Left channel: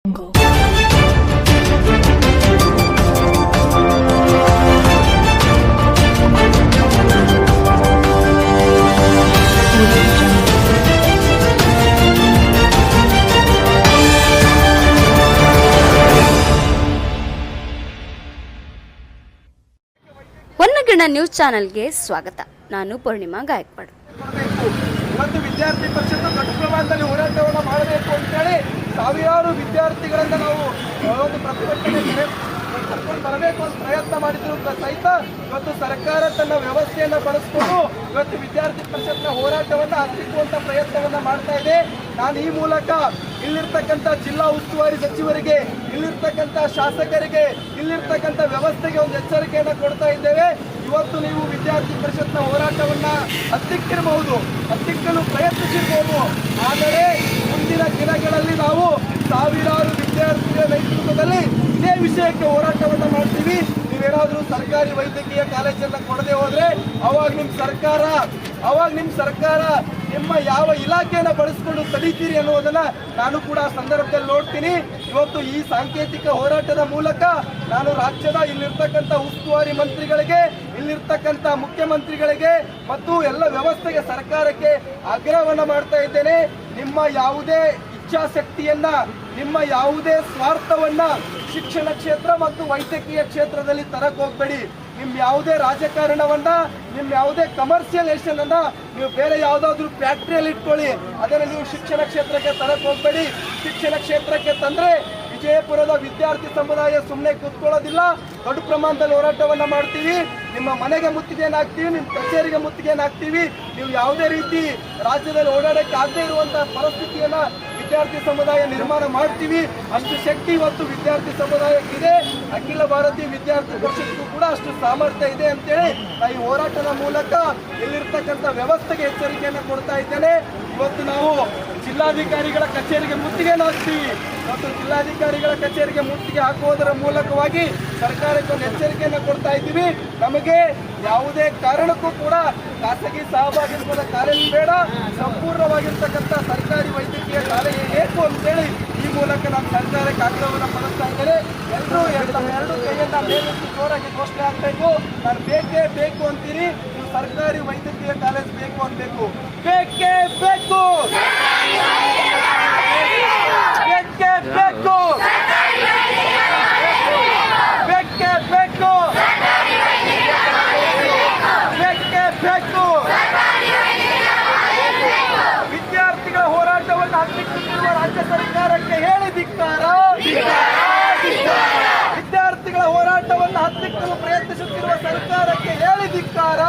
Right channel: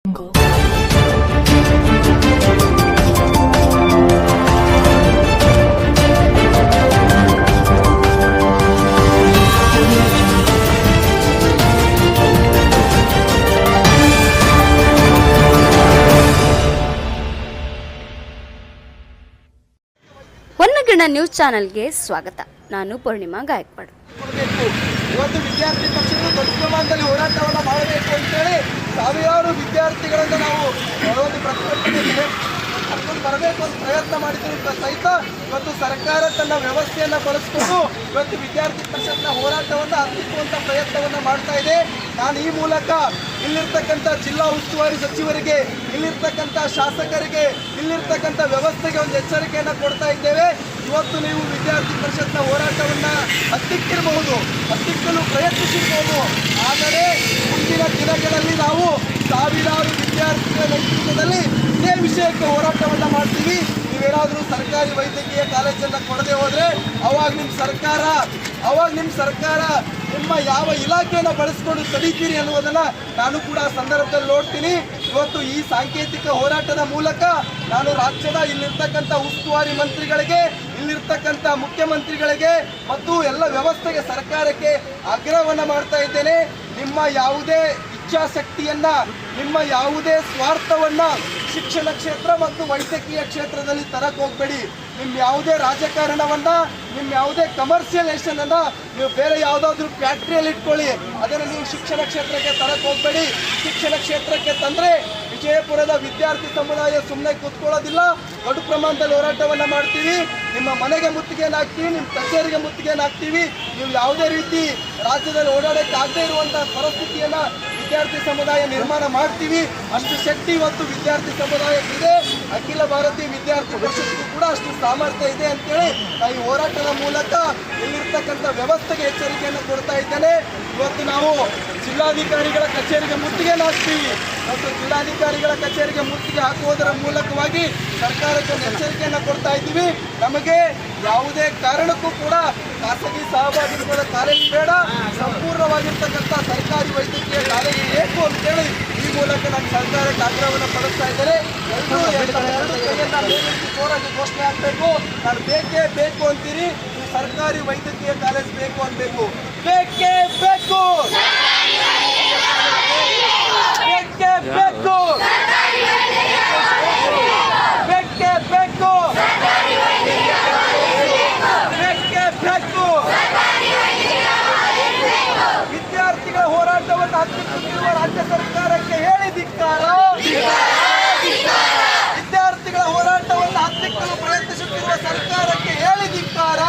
ಹೊನ್ನಗಿಣ news ಚಾನೆಲ್ಗೆ ಸ್ವಾಗತ. ನಾನು ಪೂರ್ಣಿಮಾ ಗಾಯಕ್ವಾಡ್. ಇವತ್ತು ವಿದ್ಯಾರ್ಥಿ ಪರಿಷತ್ತು ದೊಡ್ಡ ಪ್ರಮಾಣದಲ್ಲಿ ಹೋರಾಟವನ್ನು ಮಾಡಬೇಕು ಅಂತೇಳಿ ಸಾವಿರಾರು ವಿದ್ಯಾರ್ಥಿಗಳಿಂದ ನಾವು ಒಂದು ಪ್ರತಿಭಟನೆ ಕರ್ಕೊಂಡು ಬರಬೇಕು ಅಂತ ಪ್ರಯತ್ನ ಮಾಡಿದ್ರು ಸಹಿತ ಇವತ್ತು ಸರ್ಕಾರ ತನ್ನ ವ್ಯವಸ್ಥೆಯನ್ನು ಬಳಸಿಕೊಂಡು ಇವತ್ತು ವಿದ್ಯಾರ್ಥಿ ಪರಿಷತ್ನ ಹೋರಾಟವನ್ನು ಹತ್ತಿಕ್ಕುವಂಥ ಪ್ರಯತ್ನವನ್ನು ಮಾಡ್ತಾ ಇದೆ. ನಾನು ಈ ಮೂಲಕ ಇಲ್ಲಿರ್ತಕ್ಕಂಥ ಜಿಲ್ಲಾ ಉಸ್ತುವಾರಿ ಸಚಿವರಿಗೆ, ಇಲ್ಲಿರ್ತಕ್ಕಂಥ ಶಾಸಕರಿಗೆ, ಇಲ್ಲಿರ್ತಕ್ಕಂಥ ವ್ಯವಸ್ಥೆಗೆ ಒಂದು ಎಚ್ಚರಿಕೆಯನ್ನು ಕೊಡ್ತಾ ಇದ್ದೇವೆ. ಇವತ್ತು ನೀವು ವಿದ್ಯಾರ್ಥಿ ಪರಿಷತ್ನ ಹೋರಾಟವನ್ನು ಹತ್ತಿಕ್ಕಲು ಪ್ರಯತ್ನಿಸಿರ್ಬೋದು. ಆದರೆ ಮುಂದಿನ ದಿನಗಳಲ್ಲಿ ನಾವು ಸಾವಿರಾರು ವಿದ್ಯಾರ್ಥಿಗಳ ನೇತೃತ್ವದಲ್ಲಿ ಇದೇ ವಿಷಯಕ್ಕೆ ಹೋರಾಟವನ್ನು ಮಾಡ್ತೀವಿ. ನೀವೇನಾದರೂ ಸರ್ಕಾರಿ ವೈದ್ಯಕೀಯ ಕಾಲೇಜನ್ನು ಕೊಡದೆ ಹೋದರೆ ಅವಾಗ ನಿಮ್ಮ ಸರ್ಕಾರ ನಿಮ್ಮ ಯಾವ ಇಲಾಖೆಯನ್ನು ಬಳಸ್ಕೊಂಡು ತಡೀತೀರಿ ಅನ್ನೋದನ್ನು ನಾನು ಕೂಡ ಸಂದರ್ಭದಲ್ಲಿ ನೋಡ್ತೀನಿ. ಇವತ್ತು ಈ ಸಾಂಕೇತಿಕ ಹೋರಾಟದ ಮೂಲಕ ನಾನು ರಾಜ್ಯದ ಇಲ್ಲಿರ್ತಕ್ಕಂಥ ಉಸ್ತುವಾರಿ ಮಂತ್ರಿಗಳಿಗೆ, ಇಲ್ಲಿರ್ತಕ್ಕಂಥ ಮುಖ್ಯಮಂತ್ರಿಗಳಿಗೆ ಮತ್ತು ಎಲ್ಲ ವ್ಯವಸ್ಥೆಗೆ, ಸರ್ಕಾರಕ್ಕೆ ಆಗ್ರಹವನ್ನು ಮಾಡ್ತಾ ಇದ್ದೇನೆ. ನಿಮ್ಮ ಯಾವುದೇ ಇಚ್ಛಾಶಕ್ತಿಯನ್ನ, ನಿಮ್ಮ ಯಾವುದೇ ಸ್ವಾರ್ಥವನ್ನ ಶಿಕ್ಷಣ ಕ್ಷೇತ್ರ ಮತ್ತು ವೈದ್ಯಕೀಯ ಕ್ಷೇತ್ರದಲ್ಲಿ ತರಕ್ಕೆ ಹೋಗಬೇಡಿ. ನಿಮ್ಮ ಯಾವುದೇ ರಾಜಕಾರಣವನ್ನ, ನಿಮ್ಮ ಯಾವುದೇ ಕಮರ್ಷಿಯಲೈಸೇಷನ್ ಅನ್ನ ನೀವು ಬೇರೆ ಯಾವುದಾದ್ರೂ ಫ್ಯಾಕ್ಟ್ರಿಯಲ್ಲಿ ಇಟ್ಕೊಳ್ಳಿ. ಅದನ್ನು ನೀವು ಶಿಕ್ಷಣ ಕ್ಷೇತ್ರಕ್ಕೆ ತರಕ್ಕೆ ಹೋಗಬೇಡಿ. ಶಿಕ್ಷಣ ಕ್ಷೇತ್ರಕ್ಕೆ ತಂದ್ರೆ ವಿಜಯಪುರದ ವಿದ್ಯಾರ್ಥಿ ಸಮುದಾಯ ಸುಮ್ಮನೆ ಕೂತ್ಕೊಳ್ಳೋದಿಲ್ಲ. ದೊಡ್ಡ ಪ್ರಮಾಣದಲ್ಲಿ ಹೋರಾಟವನ್ನು ಮಾಡ್ತೀವಿ. ನಿಮ್ಮ ಮನೆಗೆ ಮುತ್ತಿಗೆಯನ್ನು ಹಾಕ್ತೀವಿ, ನಿಮ್ಮ ಕಚೇರಿಗೆ ಮುತ್ತಿಗೆಯನ್ನು ಹಾಕ್ತೀವಿ. ನೀವು ಯಾವುದೇ ರೀತಿ ರಾಜ್ಯದಲ್ಲಿ ಓಡಾಡಕ್ಕೆ ಆಗದೇ ಇರುವಂತಹ ಪರಿಸ್ಥಿತಿಯನ್ನ ವಿದ್ಯಾರ್ಥಿ ಸಮುದಾಯ ನಿರ್ಮಾಣ ಮಾಡ್ತೀವಿ. ಅಷ್ಟು ಶಕ್ತಿ ಇವತ್ತು ವಿದ್ಯಾರ್ಥಿ ಸಮುದಾಯಕ್ಕಿದೆ. ಅಖಿಲ ಭಾರತೀಯ ವಿದ್ಯಾರ್ಥಿ ಪರಿಷತ್ಗೂ ಕೂಡ ಅಷ್ಟು ಸಾಮರ್ಥ್ಯ ಇದೆ ಅಂತೇಳಿ ಈ ಹೋರಾಟದ ಮೂಲಕ ಇಲ್ಲಿರ್ತಕ್ಕಂಥ ವ್ಯವಸ್ಥೆಗೆ ಎಚ್ಚರಿಕೆಯನ್ನು ಕೊಡ್ತಾ ಇದ್ದೇನೆ. ಇವತ್ತು ನಾವು ಜಿಲ್ಲಾಧಿಕಾರಿಗಳ ಕಚೇರಿಗೆ ಮುತ್ತಿಗೆಯನ್ನು ಹಾಕ್ತೀವಿ. ಮತ್ತು ಜಿಲ್ಲಾಧಿಕಾರಿಗಳ ಕಚೇರಿಗೆ ಮುತ್ತಿಗೆ ಹಾಕುವುದರ ಮೂಲಕವಾಗಿ ಸರ್ಕಾರಕ್ಕೆ ಒಂದು ಎಚ್ಚರಿಕೆಯನ್ನು ಕೊಡ್ತಾ ಇದ್ದೀವಿ. ನಮಗೆ ಯಾವುದೇ ಕಾರಣಕ್ಕೂ ಕೂಡ ಖಾಸಗಿ ಸಹಭಾಗಿತ್ವದ ಕಾಲೇಜು ಬೇಡ, ಸಂಪೂರ್ಣವಾಗಿರ್ತಕ್ಕಂಥ ಸರ್ಕಾರಿ ವೈದ್ಯಕೀಯ ಕಾಲೇಜು ಬೇಕು ಅಂತೇಳಿ ಈ ಮೂಲಕ ನಾನು ಸರ್ಕಾರಕ್ಕೆ ಆಗ್ರಹವನ್ನು ಪಡಿಸ್ತಾ ಇದ್ದೇನೆ. ಎಲ್ಲರೂ ಎರಡು ಕೈಯನ್ನ ಮೇಲೆತ್ತಿ ಜೋರಾಗಿ ಘೋಷಣೆ ಆಗಬೇಕು. ನಾನು ಬೇಕೇ ಬೇಕು ಅಂತೀರಿ, ನೀವು ಸರ್ಕಾರಿ ವೈದ್ಯಕೀಯ ಕಾಲೇಜು ಬೇಕು ಅನ್ಬೇಕು. ಬೇಕೇ ಬೇಕು, ಬೇಕೇ ಬೇಕು, ಬೇಕೇ ಬೇಕು, ಬೇಕೇ ಬೇಕು. ವಿದ್ಯಾರ್ಥಿಗಳ ಹೋರಾಟವನ್ನು ಹತ್ತಿಕ್ಕುತ್ತಿರುವ ರಾಜ್ಯ ಸರ್ಕಾರಕ್ಕೆ ಹೇಳಿ ಧಿಕ್ಕಾರ. ವಿದ್ಯಾರ್ಥಿಗಳ ಹೋರಾಟವನ್ನು ಹತ್ತಿಕ್ಕಲು ಪ್ರಯತ್ನಿಸುತ್ತಿರುವ ಸರ್ಕಾರಕ್ಕೆ ಹೇಳಿ ಧಿಕ್ಕಾರ.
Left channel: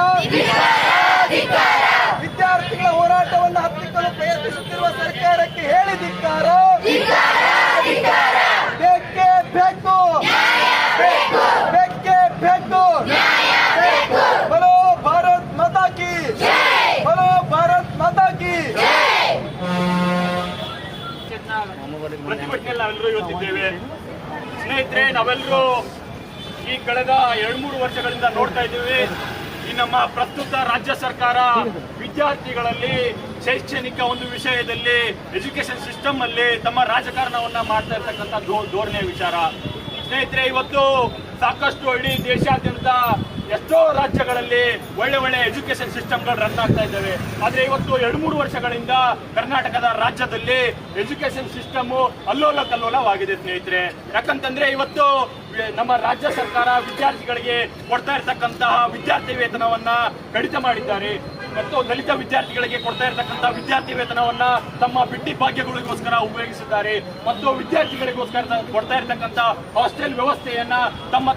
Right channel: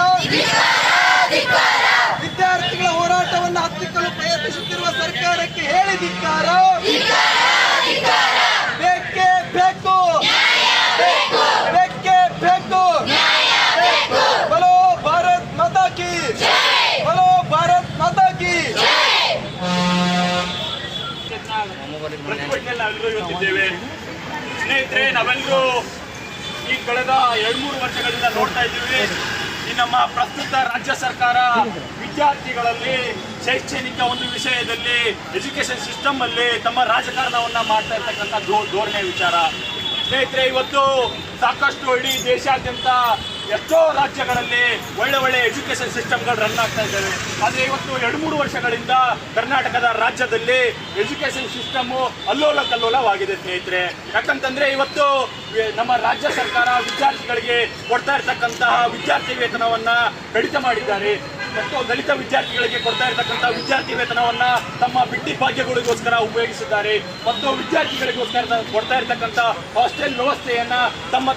ವಿದ್ಯಾರ್ಥಿಗಳ ಹೋರಾಟವನ್ನು ಹತ್ತಿಕ್ಕಲು ಪ್ರಯತ್ನಿಸುತ್ತಿರುವ ಸರ್ಕಾರಕ್ಕೆ ಹೇಳಿ ಧಿಕ್ಕಾರ. ಬೇಕೇ ಬೇಕು, ಬೇಕೇ ಬೇಕು. ಬಲೋ ಭಾರತ್ ಮಾತಾ ಕಿ, ಬಲೋ ಭಾರತ್ ಮಾತಾ ಕಿ. ಪ್ರತಿಭಟನೆಯಲ್ಲಿ ನಾವೆಲ್ಲರೂ ಇವತ್ತಿದ್ದೇವೆ. ಸ್ನೇಹಿತರೆ, ನಾವೆಲ್ಲರೂ ಈ ಕಳೆದ 2-3 ವರ್ಷಗಳಿಂದ ನೋಡ್ತಾ ಇದ್ದೀವಿ. ಈ ನಮ್ಮ ಪ್ರಸ್ತುತ ರಾಜ್ಯ ಸರ್ಕಾರ ವಿದ್ಯಾರ್ಥಿಗಳಲ್ಲಿ ಶೈಕ್ಷಣಿಕ ಒಂದು ವಿಷಯದಲ್ಲಿ, ಎಜುಕೇಶನ್ ಸಿಸ್ಟಮ್ ಅಲ್ಲಿ ತಮ್ಮ ರಾಜಕಾರಣವನ್ನ ಮಾಡ್ತಾ ಇರ್ತಕ್ಕಂಥ ಧೋರಣೆ ವಿಚಾರ. ಸ್ನೇಹಿತರೆ, ಇವತ್ತು ಸಾಕಷ್ಟು ಇಡೀ ದೇಶಾದ್ಯಂತ ಎಷ್ಟೋ ರಾಜ್ಯಗಳಲ್ಲಿ ಒಳ್ಳೆ ಎಜುಕೇಶನ್ ಸಿಸ್ಟಮ್ಗಳು ರನ್ ಆಗ್ತಾ ಇದ್ದಾವೆ. ಆದರೆ ಇವತ್ತು 2-3 ವರ್ಷಗಳಿಂದ ಕರ್ನಾಟಕದ ರಾಜ್ಯದಲ್ಲಿ ಎಜುಕೇಶನ್ ಸಿಸ್ಟಮ್ ಅಲ್ಲೋಲ ಕಲ್ಲೋಲವಾಗಿದೆ ಸ್ನೇಹಿತರೆ. ಯಾಕಂತಂದ್ರೆ ಇವತ್ತು ನಮ್ಮ ರಾಜ್ಯ ಸರ್ಕಾರ ವಿದ್ಯಾರ್ಥಿಗಳಿಗೆ ಕೊಡ್ತಾ ಇರ್ತಕ್ಕಂತಹ ವಿದ್ಯಾರ್ಥಿ ವೇತನವನ್ನ ಕಡಿತ ಮಾಡಿದ್ದಾರೆ. ಮತ್ತು ದಲಿತ ವಿದ್ಯಾರ್ಥಿಗಳಿಗೆ ಕೊಡ್ತಾ ಇರತಕ್ಕಂಥ ವಿದ್ಯಾರ್ಥಿ ವೇತನವನ್ನ ತಮ್ಮ ಬಿಟ್ಟಿ ಭಾಗ್ಯಗಳಿಗೋಸ್ಕರ ಉಪಯೋಗಿಸಿದ್ದಾರೆ. ಮತ್ತು ವಿದ್ಯಾರ್ಥಿಗಳಿಗೋಸ್ಕರ ಕೊಡ್ತಾ ಇರತಕ್ಕಂಥ ಹಾಸ್ಟೆಲ್ ವ್ಯವಸ್ಥೆಯನ್ನ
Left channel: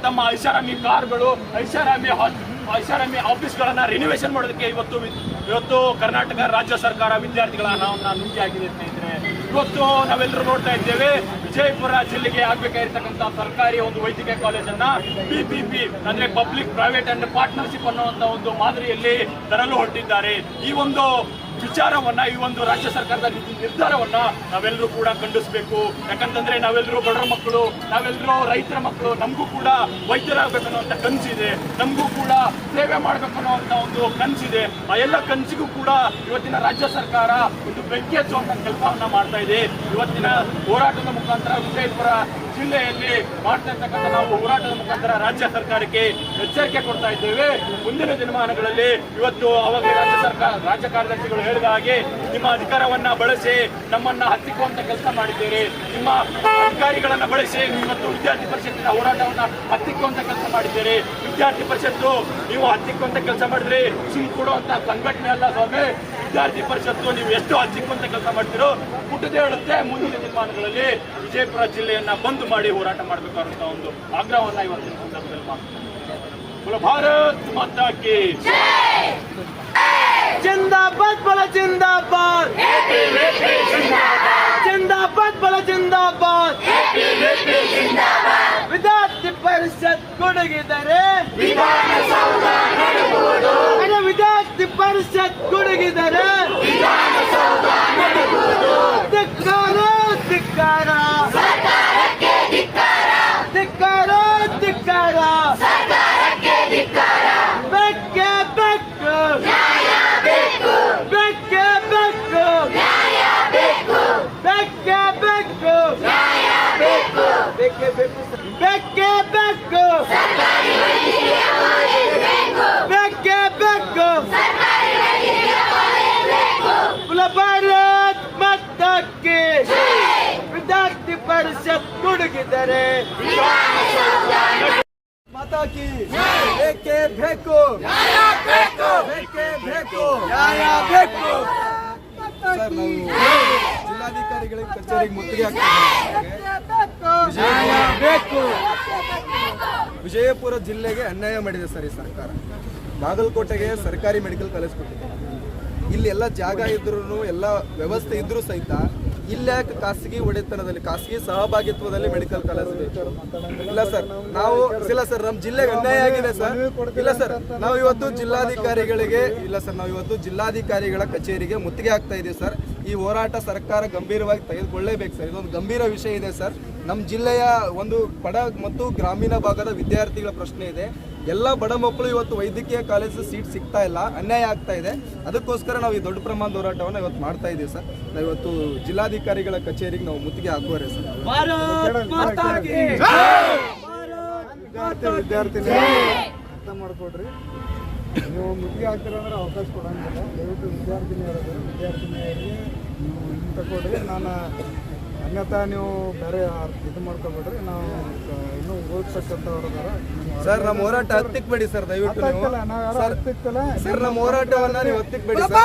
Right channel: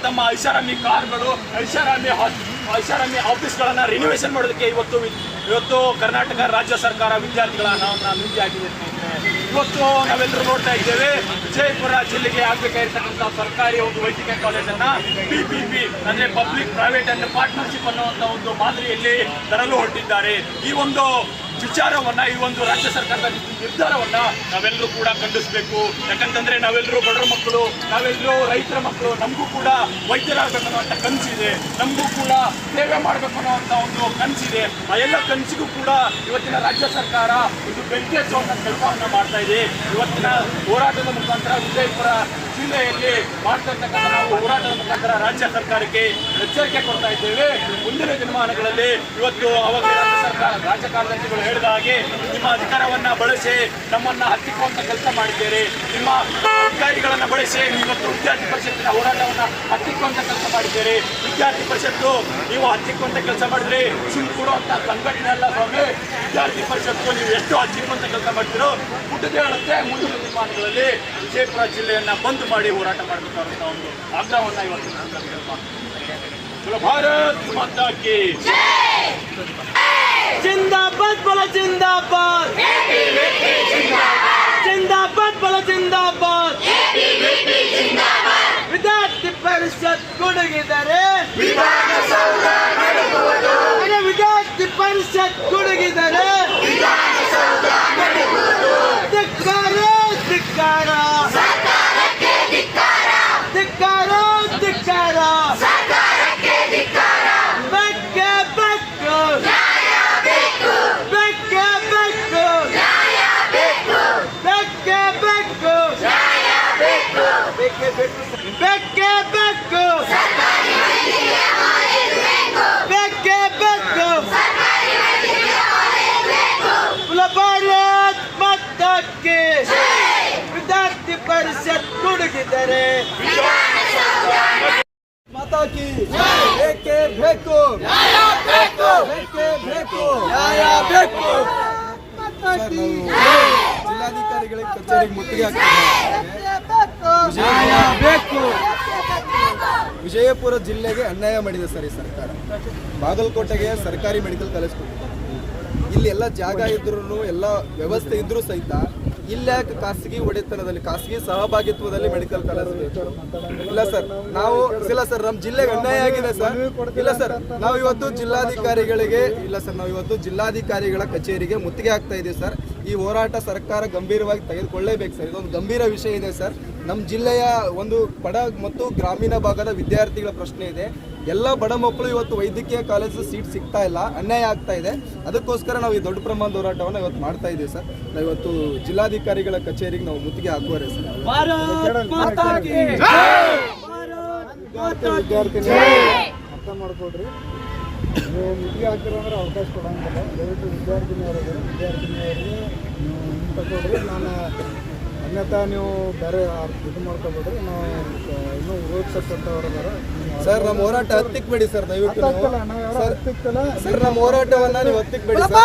ತಮ್ಮ ಐಷಾರಾಮಿ ಕಾರ್ಗಳು, ಐಷಾರಾಮಿ ಆಫೀಸ್ಗಳನ್ನ ರಿನಿವೇಶನ್ ಮಾಡೋದಕ್ಕೆ ಇವತ್ತು ಕರ್ನಾಟಕ ರಾಜ್ಯ ಸರ್ಕಾರ ವಿದ್ಯಾರ್ಥಿಗಳ ಹಣವನ್ನು ನುಂಗಿಯಾಗಿದೆ ಸ್ನೇಹಿತರೆ. ಇವತ್ತು ನಾವೆಲ್ಲರೂ ನೋಡ್ತಾ ಇದ್ದೇವೆ, ವಿಜಯಪುರ ಜಿಲ್ಲೆಗೆ ಆಗ್ಬೇಕಾಗಿರ್ತಕ್ಕಂಥ ಸರ್ಕಾರಿ ಒಂದು ವೈದ್ಯಕೀಯ ಕಾಲೇಜನ್ನ PPP ಅಂದ್ರೆ ಪಬ್ಲಿಕ್ ಪ್ರೈವೇಟ್ ಅಂಡ್ ಪಾರ್ಟ್ನರ್ಶಿಪ್ ಅನ್ನುವಂತ ಒಂದು ಮಾದರಿಯಲ್ಲಿ ತರಲು ಹೊರಟಿದ್ದಾರೆ. ಈ ಒಂದು ವಿಚಾರವನ್ನ, ಈ ಒಂದು ರಾಜ್ಯ ಸರ್ಕಾರದ ನಿರ್ಧಾರವನ್ನ ನಾವೆಲ್ಲರೂ ಕೂಡ ಖಂಡಿಸಬೇಕು. ಯಾಕಂತಂದ್ರೆ ನಾವೆಲ್ಲರೂ ಬಡವರ ಮಕ್ಕಳು, ನಾವೆಲ್ಲರೂ ರೈತರ ಮಕ್ಕಳು, ನಮಗೂ ಕೂಡ ವೈದ್ಯರಾಗಬೇಕು ಅನ್ನೋಂಥ ಕನಸಿದೆ, ನಮಗೂ ಕೂಡ ಸೇವೆ ಮಾಡಬೇಕು ಅನ್ನೋಂಥ ಒಂದು ಕನಸಿದೆ. ಆ ಎಲ್ಲ ಕನಸಿಗೂ ಕೂಡ ಇವತ್ತಿನ ರಾಜ್ಯ ಸರ್ಕಾರ ಒಂದು ಬೆಂಕಿ ಹಚ್ಚುವಂತ ಕೆಲಸವನ್ನ ಮಾಡ್ತಾ ಇದೆ. ಇವತ್ತಿನ ಹೋರಾಟದ ಮುಖಾಂತರ ವಿಜಯಪುರ ಜಿಲ್ಲೆಯಲ್ಲಿ ಮಾಡ್ತಾ ಇರ್ತಕ್ಕಂಥ ನಾವು ಹೋರಾಟದ ಮುಖಾಂತರ ರಾಜ್ಯ ಸರ್ಕಾರಕ್ಕೆ ಎಚ್ಚರಿಕೆ ಕೊಡ್ತಾ ಇದ್ದೇವೆ. ಮುಂದಿನ ದಿನಮಾನಗಳಲ್ಲಿ ಇವತ್ತು ಅವಾಗ ರಾಜ್ಯ ಕಾರ್ಯದರ್ಶಿಗಳು ಹೇಳಿದ ಹಾಗೆ ನಿಮ್ಮ ಅಧಿಕಾರವನ್ನ ಬಳಸಿ ನಮ್ಮನ್ನ ಹತ್ತಿಕ್ಕುವಂತ ಕೆಲಸ ಮಾಡಿದ್ದೀರಿ, ನಿಮ್ಮ ಅಧಿಕಾರಿಗಳನ್ನ ಬಳಸಿ ಇವತ್ತು ವಿದ್ಯಾರ್ಥಿ ಪರಿಷತ್ತಿನ ಹೋರಾಟವನ್ನ ಹತ್ತಿಕ್ಕುವಂತ ಕೆಲಸ ಮಾಡಿದ್ದೀರಿ. ವಿದ್ಯಾರ್ಥಿ ಪರಿಷತ್ತು ನೀವು ಹತ್ತಿಕ್ಕುವಂತ ಕೆಲಸ ಮಾಡಿದ್ರಿ, ಸುಳ್ಳು ಕೊಡುವಂತ ಸಂಘಟನೆ ಅಲ್ಲ ಸ್ವಾಮಿ. ವಿದ್ಯಾರ್ಥಿ ಪರಿಷತ್ತು ನೀವು ಎಷ್ಟು ಹತ್ತಿಕ್ಕುವಂತ ಕೆಲಸ ಮಾಡ್ತೀರೋ ಹುಟ್ಟದೇ ಹೇಳುತ್ತೆ. ಮುಂದಿನ ದಿನಮಾನಗಳಲ್ಲಿ ವಿಜಯಪುರ ಜಿಲ್ಲೆಯನ್ನ ಬಂದ್ ಮಾಡಿ ಹೋರಾಟ ಮಾಡಬೇಕಾದಂತ ಒಂದು ಆಗ್ರಹವನ್ನ ಇವತ್ತಿನ ಸಂದರ್ಭದಲ್ಲಿ ಮಾಡ್ತೀವಿ. ಭಾರತ್ ಮಾತಾ ಕಿ जिंदाबाद बोलो जिंदाबाद, जिंदाबाद बोलो जिंदाबाद. ವಿದ್ಯಾರ್ಥಿ ಪರಿಷತ್ ಕೊಡಗಿದರೆ ವಿದ್ಯಾರ್ಥಿ ಪರಿಷತ್ ಕೊಡಗಿದರೆ ಧಿಕ್ಕಾರ ಧಿಕ್ಕಾರ ಧಿಕ್ಕಾರ ಧಿಕ್ಕಾರ ಬೆಕ್ಕೆ ಬೆಕ್ಕು ಬೆಕ್ಕೆ ಬೆಕ್ಕು ಬೆಕ್ಕೆ ಬೆಕ್ಕು ಬೆಕ್ಕೆ ಬೆಕ್ಕು ಬೆಕ್ಕೆ ಬೆಕ್ಕು ಬೆಕ್ಕೆ ಬೆಕ್ಕು ಭಾರತ್ ಮಾತಾ ಕಿ ವಿದ್ಯಾರ್ಥಿ ಪರಿಷತ್ ಕೊಡಗಿದರೆ ಮಾತಾ ಕಿ ಬೇಕೇ ಬೇಕು, ಬೇಕೇ ಬೇಕು, ನ್ಯಾಯ ಬೇಕು. ಸರ್, ನಾವು ಜಿಲ್ಲಾಧಿಕಾರಿಗಳಿಗೆ ಕಚೇರಿಗೆ ಮುತ್ತಿಗೆ ವಿಜಯಪುರ ಜಿಲ್ಲೆಗೆ ಅನ್ಯಾಯ ಮಾಡಿದೆ ಸರ್ ಈ ಸರ್ಕಾರ. ಬಾಗಲಕೋಟೆಗೆ ಸರ್ಕಾರಿ ಮೆಡಿಕಲ್ ಕಾಲೇಜ್ ಕೊಟ್ಟಿದೆ. ಇಲ್ಲಿ ಎಲ್ಲ ಜಾಗ ಇದ್ರೂ ಎಲ್ಲ ವ್ಯವಸ್ಥೆ ಇದ್ರೂ ಸಹಿತ ಇಲ್ಯಾಕೆ ಖಾಸಗಿ ಒಡೆತನದಲ್ಲಿ, ಖಾಸಗಿ ಸಹಭಾಗಿತ್ವದಲ್ಲಿ ಮೆಡಿಕಲ್ ಕಾಲೇಜ್ ಇಲ್ಲ ಸರ್. ನಾವು ಇಲ್ಲ ಸರ್, ನಮ್ಮ ಜಿಲ್ಲೆಗೆ ಅನ್ಯಾಯ ಆಗಿದೆ ಸರ್. ಇಲ್ಲ ಸರ್, ನಾವು ಇವತ್ತು ಜಿಲ್ಲಾಧಿಕಾರಿಗಳ ಕಚೇರಿಗೆ ಮುತ್ತಿಗೆ ಹಾಕ್ತಾ ಇದೀವಿ ಸರ್. ಈ ಹೋರಾಟ ಸರ್ಕಾರ ಗಂಭೀರವಾಗಿ ತೆಗೆದುಕೊಳ್ಳೇಬೇಕು ಸರ್. ಇದೊಂದು ಗಂಭೀರ ವಿಷಯ ಇದೆ ಸರ್. ನಮ್ಮ ಜಿಲ್ಲೆಯ ಒಂದು ಬಡ ಮತ್ತು ಗ್ರಾಮೀಣ ಭಾಗದ ವಿದ್ಯಾರ್ಥಿಗಳ ಪ್ರಶ್ನೆ ಇದೆ. ಎಲ್ಲ ಬಡ ಮಕ್ಕಳು ಇವತ್ತು ವೈದ್ಯಕೀಯ ಕಾಲೇಜು ಸೀಟ್ ಸಿಗ್ತಾ ಇಲ್ಲ, ಅನ್ಯಾಯ ಆಗ್ತಾ ಇದೆ. ಅದಕ್ಕೋಸ್ಕರ ನಾವು ಈ ದೊಡ್ಡ ಪ್ರಮಾಣದ ಹೋರಾಟವನ್ನು ಇವತ್ತು ಮಾಡ್ತಾ ಇದ್ದೀವಿ ಸರ್. ನಾವು ಇವತ್ತು ಜಿಲ್ಲಾಧಿಕಾರಿಗಳ ಕಚೇರಿಗೆ ನಾವು ಮುತ್ತಿಗೆ ಹಾಕುವರೆ ಸರ್. ವಿದ್ಯಾರ್ಥಿನಿ ಅರ್ಥ ಮಾಡ್ಕೊಡ್ರಿ, ನೀವು ಮುತ್ತಿಗೆ ಹಾಕಿರೋ ಅಂದ್ರೆ ಅವಕಾಶ ಕೊಡಂಗಿಲ್ಲ. ದಯವಿಟ್ಟು ವಿದ್ಯಾರ್ಥಿನಿಯರಿಗೆ ನೀವು ಹಿಂಗೆ ತಗೊಳ್ರಿ. ನಾನು ಅನ್ಯತಾ ನೀವು ಬೇರೆ ಇದು ಮಾಡ್ಕೊಬೇಡ್ರಿ. ನಾವು ಇನ್ನೂ ಓದ್ತಕ್ಕಂಥವ್ರು ಬೇರೆ ಸರ್. ನಮ್ಮ ಹೋರಾಟ ಹತ್ತಿಕ್ಬೇಡಿ ಸರ್, ದಯವಿಟ್ಟು ಸರ್. ನಮ್ಮ ಹೋರಾಟವನ್ನ ನೀವು ಹತ್ತಿಕ್ಬೇಡಿ ಸರ್.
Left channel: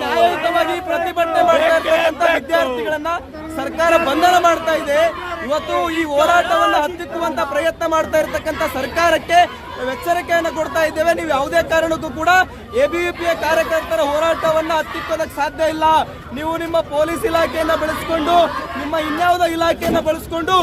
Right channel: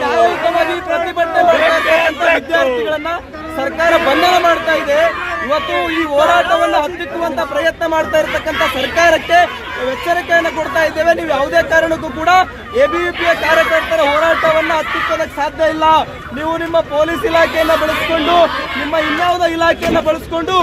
ನ್ಯಾಯಯುತವಾಗಿ ಪ್ರತಿಭಟನೆ ಮಾಡ್ತಾ ಇರ್ತಕ್ಕಂಥ ವಿದ್ಯಾರ್ಥಿಗಳನ್ನ ಸರ್ಕಾರ ಬಂಧನ ಮಾಡ್ತಾ ಇದೆ. ಇವತ್ತು ಈ ಹೋರಾಟವನ್ನ ಹತ್ತಿಕ್ಕುವಂತ ಪ್ರಯತ್ನ ಮಾಡ್ತಾ ಇರ್ತಕ್ಕಂಥ ಸರ್ಕಾರಕ್ಕೆ ಎಚ್ಚರಿಕೆಯನ್ನು ಕೊಡ್ತಾ ಇದ್ದೇವೆ. ನೀವು ಯಾವುದೇ ಕಾರಣಕ್ಕೂ ಕೂಡ ಎಬಿವಿಪಿಯ ಕಾರ್ಯಕರ್ತರ ಹೋರಾಟವನ್ನ ಹತ್ತಿಕ್ಕೋದಕ್ಕೆ ಸಾಧ್ಯ ಇಲ್ಲ. ನೀವು ನಿಮ್ಮ ಪೊಲೀಸ್ ಇಲಾಖೆಯನ್ನ ಬಳಸಿಕೊಂಡು, ನಿಮ್ಮ ಇನ್ಯಾವುದೋ ಇಲಾಖೆಯನ್ನ ಬಳಸಿಕೊಂಡು